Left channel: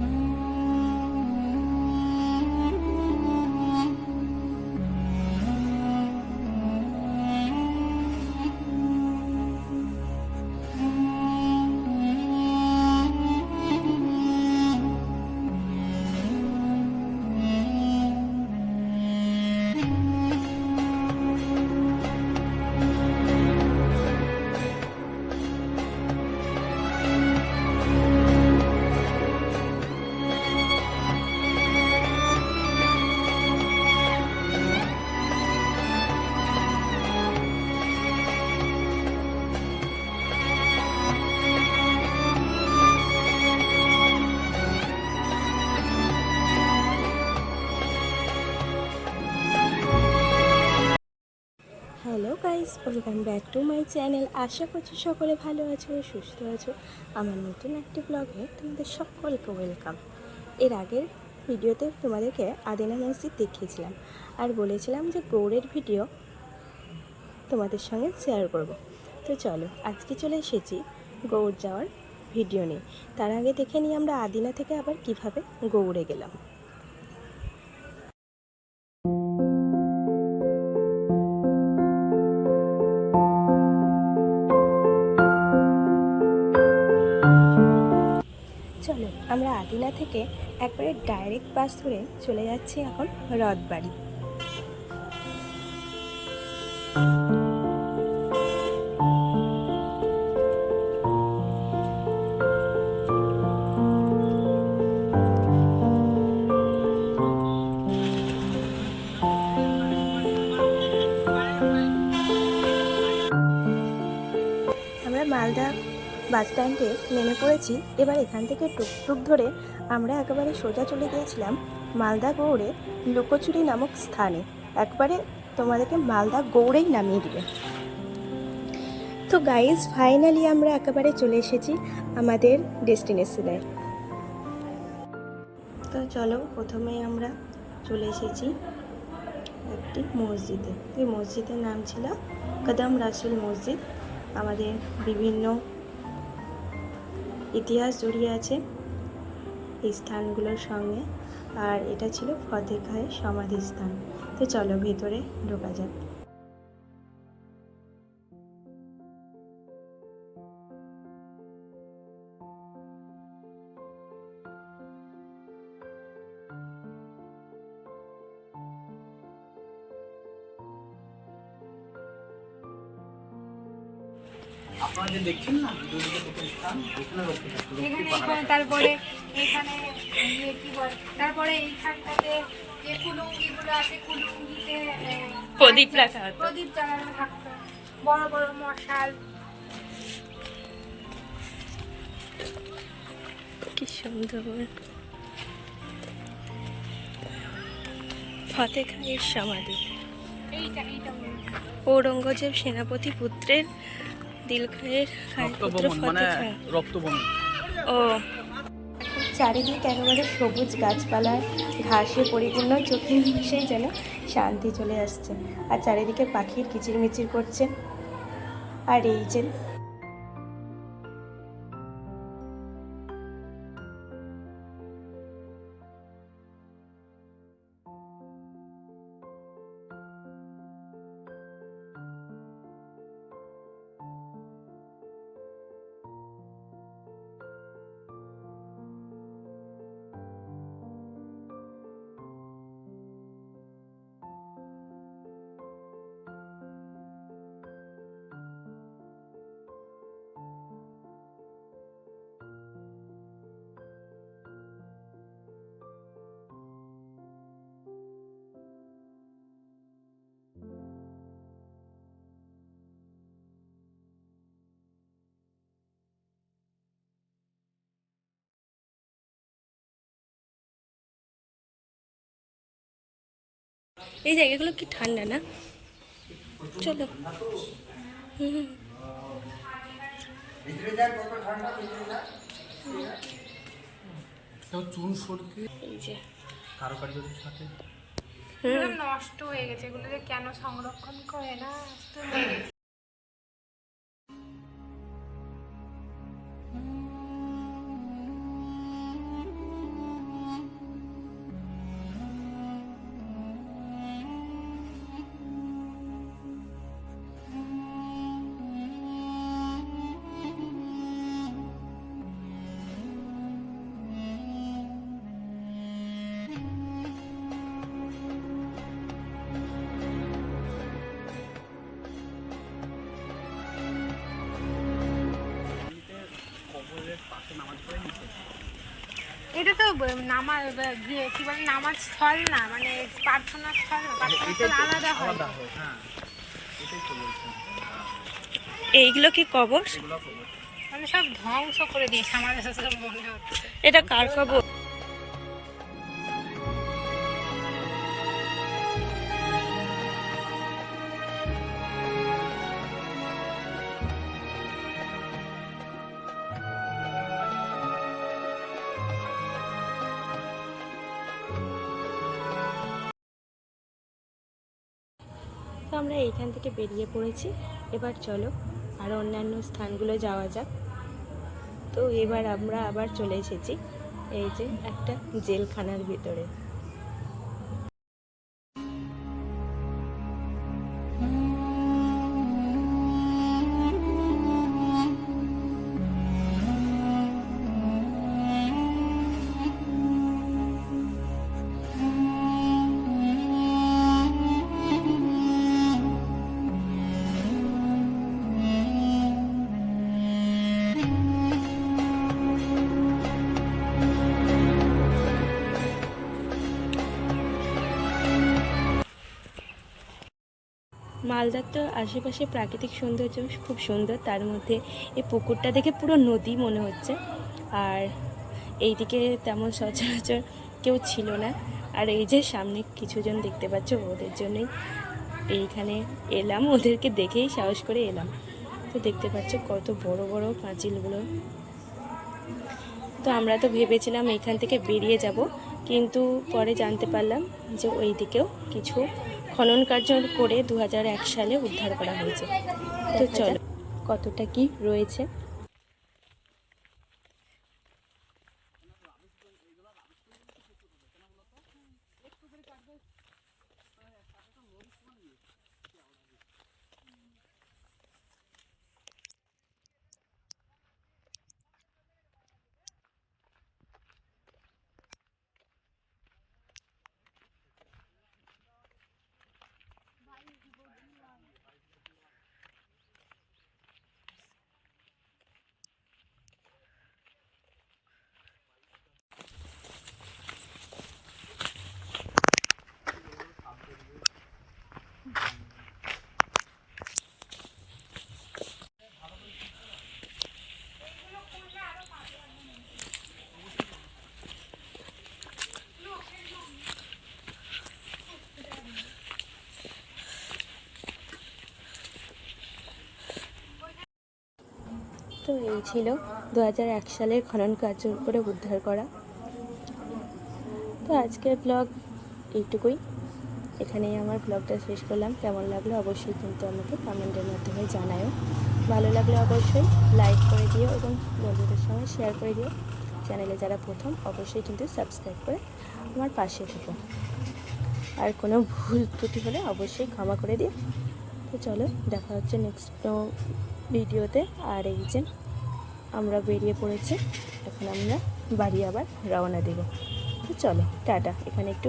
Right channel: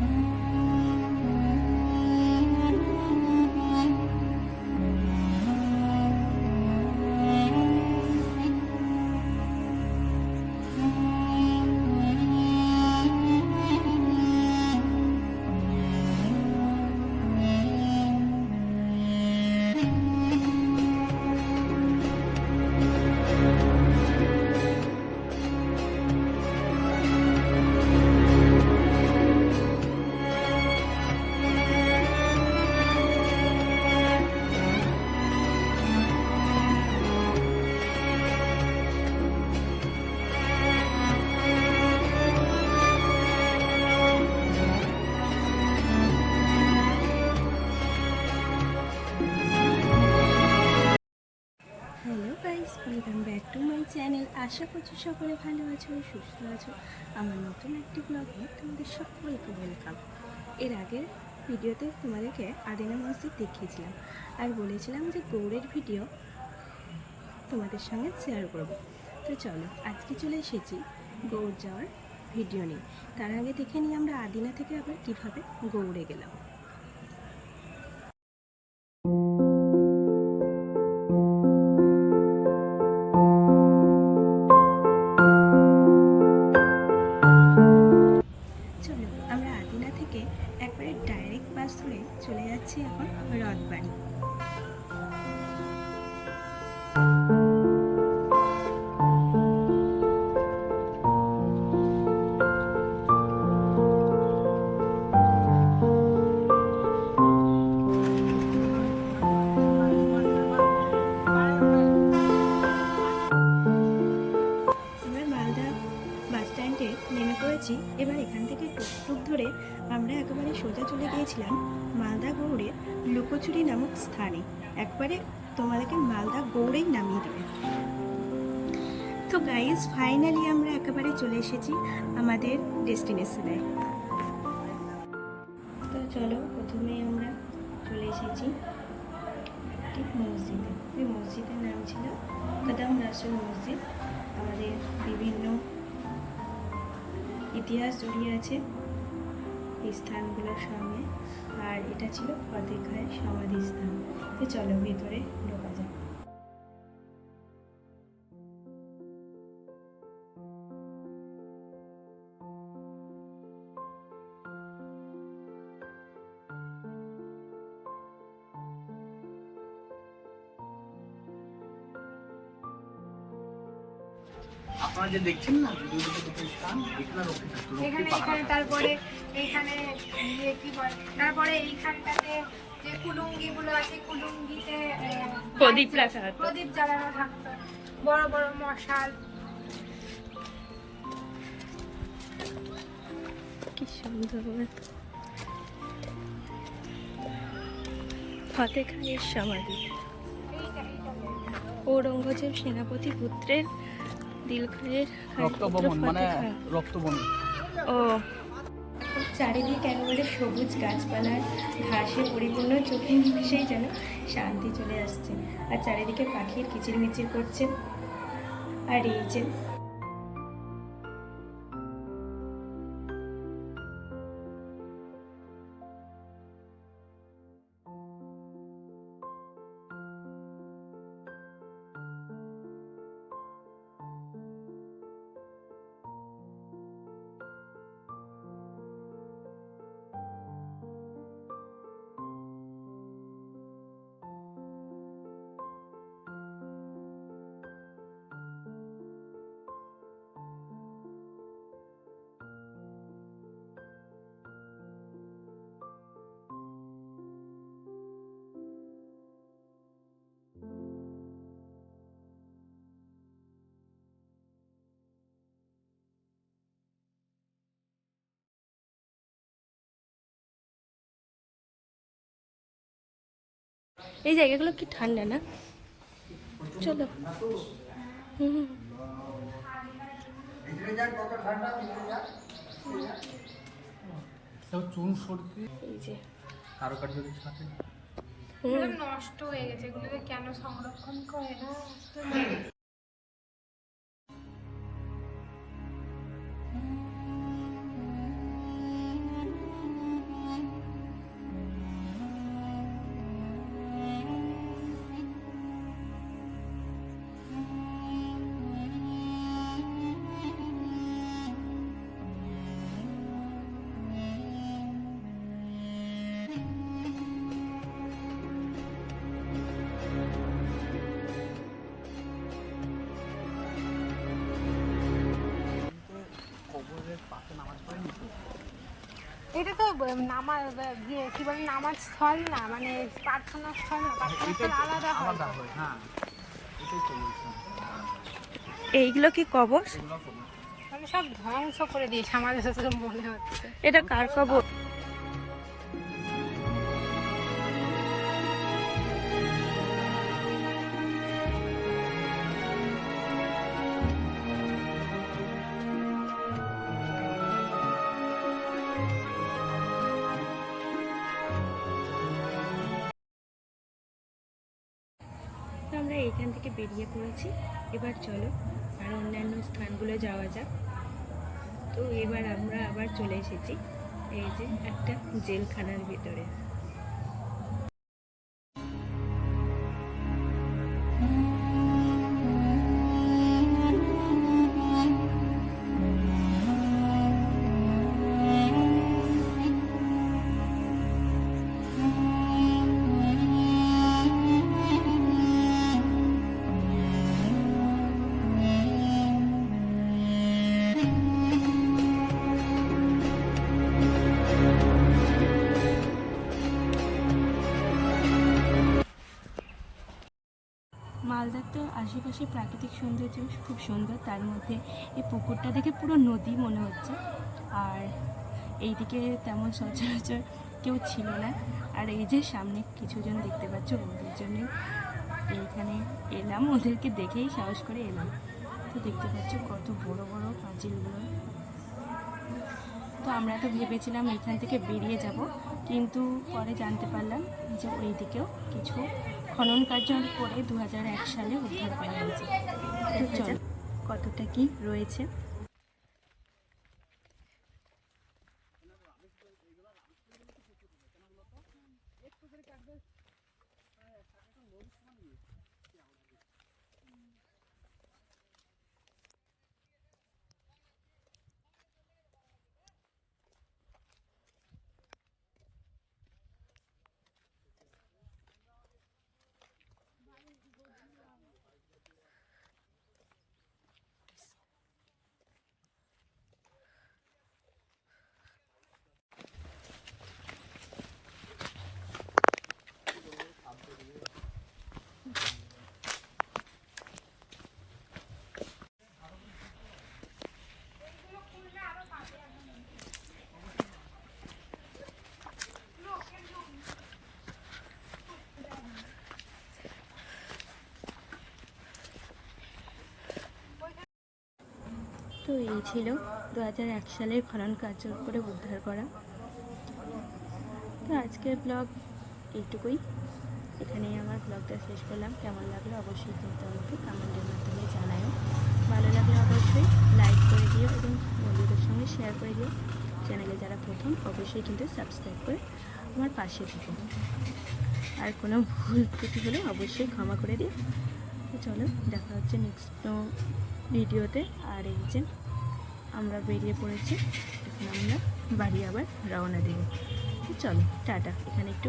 Mm-hmm. Hello guys, welcome back to my channel. আশা করছি সকলে ভালো আছো, সুস্থ আছো। আমার নতুন একটি ব্লগে তোমাদের সকলকে ওয়েলকাম। এর আগের ভিডিওতে তোমাদেরকে আদিনা মসজিদ দেখিয়েছিলাম আর বলেছিলাম যে গৌড়ের ভিডিও তোমাদের সঙ্গে শেয়ার করব। তো চলো, আজকে চলে এসেছি গৌড় যাওয়ার ভিডিও নিয়ে। তার আগে দেখে নিই আমরা আদিনা থেকে আবার কীভাবে গৌড়ে গেলাম। আমরা আদিনা থেকে একবারে ডাইরেক্ট বাস ধরে চলে যাচ্ছি এখন রথবাড়ি। বাস স্ট্যান্ডে নেমে পড়েছি। এবার এখান থেকে টুকটুক ধরে আমরা একেবারে সোজা চলে গিয়েছিলাম মালদা গৌড়ে লুকোচুরি নামক স্থানে। একবারে তোমাদেরকে মালদা গৌড়েই নামিয়ে দিবে। তো গাইজ ফাইনালি আমরা একেবারে চলে এসেছি আমাদের ডেস্টিনেশনে তো চলো, প্রথমেই আমরা চলে এসেছি একটি মসজিদে। এই মসজিদের নাম ছিল কদম রাসুল মসজিদ। আমাদের বিভিন্ন ইতিহাস জড়িয়ে আছে এই স্থানগুলোর সঙ্গে। আর এটা ছিল ফতেখায় সমাধিস্থান। তো চলো ভেতরে ঢোকা যাক। আপনারা যে দেখছেন না এখানে তারপরে এখানে ইয়ে কি বল তারপরে এইখানটাতে যে কুলুঙ্গি আছে কুলুঙ্গিতে প্রদীপ রাখা হতো। প্রদীপ জ্বালানো থাকতো বড় বড় মশাল কি সুন্দর ফতে খায়ের সমাধি। ঔরঙ্গজেব সেনাপতি পুত্রের দিল খায়ের খায়ের পুত্র রক্তবমন ফতে মানে খা ও। এখন চারিদিক একেবারে সবুজ গাছপালা ঘাসে পরিপূর্ণ চোখে সেই যেন শান্তি চলে আসছে। আর চারিদিকে পাখির কিচিরমিচির করছে। আর এই যে এই জায়গাগুলো কি ঠান্ডা না? চলো। হুম চুন সরকি। এই যে। নষ্ট হয়ে গেছে এগুলোকে কেন সংরক্ষণ করে না? এটা তো নামাজ কি বলে নামাজ স্থল না মানে প্রার্থনা স্থল এটাই আলাদা আলাদা হয় হ্যাঁ। এটাই তো এইগুলো কি কবর। মানে সব ধ্বংস করে দিয়েছে আমাদের মনে হচ্ছে। এটা কার কবর? আমরা এইখান থেকে বেরিয়ে পড়েছি। এবার চলো, আর অন্যান্য স্থানগুলো যাওয়া যাক। তো এবার আমরা আবার চলে এসেছি, এই যে একটা জেলখানার ভিতরে। মালদার তো আশেপাশে প্রাকৃতিক সৌন্দর্য খুব সুন্দর, তার মধ্যে এই পুকুরটা দেখে পুরো নদী মনে হচ্ছে। আর এইদিকে তেমন সচরাচর কেউ ছিল না। আর এই যে সামনে কিছুজন দেখতে পাচ্ছ, ওদের জন্যই এইখানে এলাম, ওদেরকে দেখেই সাহস করে এলাম। তো দেখতে পাচ্ছ কত বড় বড় পাঁচিলগুলো। তো আমরা তো ভেবেছিলাম এখান থেকে বেরিয়ে যাব, কিন্তু পরে জানতে পারলাম যে ওই দিকেও কিছু খনন কার্য করে দু হাজার এক সালে উদ্ধার করা হয়েছে। তো চলো কতটা কি রয়েছে? তো এই ছিল দু হাজার এক সালের খনন কার্য করে উদ্ধার করা। তো আজকের ব্লগ এইটুকুই। এখানেই আমার ব্লগটা শেষ করলাম। কেমন লাগল অবশ্যই কিন্তু আমাকে কমেন্টের মাধ্যমে জানাও ভালো লাগলে অবশ্যই লাইক করে দিও এবং বন্ধুদের সঙ্গে শেয়ার করে দিও। চ্যানেলে যারা প্রথম, অবশ্যই কিন্তু সাবস্ক্রাইব করে আমার পাশে থেকো। আর কোনো ভুল ত্রুটি হলে অবশ্যই ক্ষমা করে দিও। তো চলো, দেখা হচ্ছে নেক্সট ভিডিওতে। আর এই যে আমরা বেরিয়ে পড়েছি, এখন আমরা বাড়ি আবার রওনা দেব। চলো, টাটা। এখানে একটু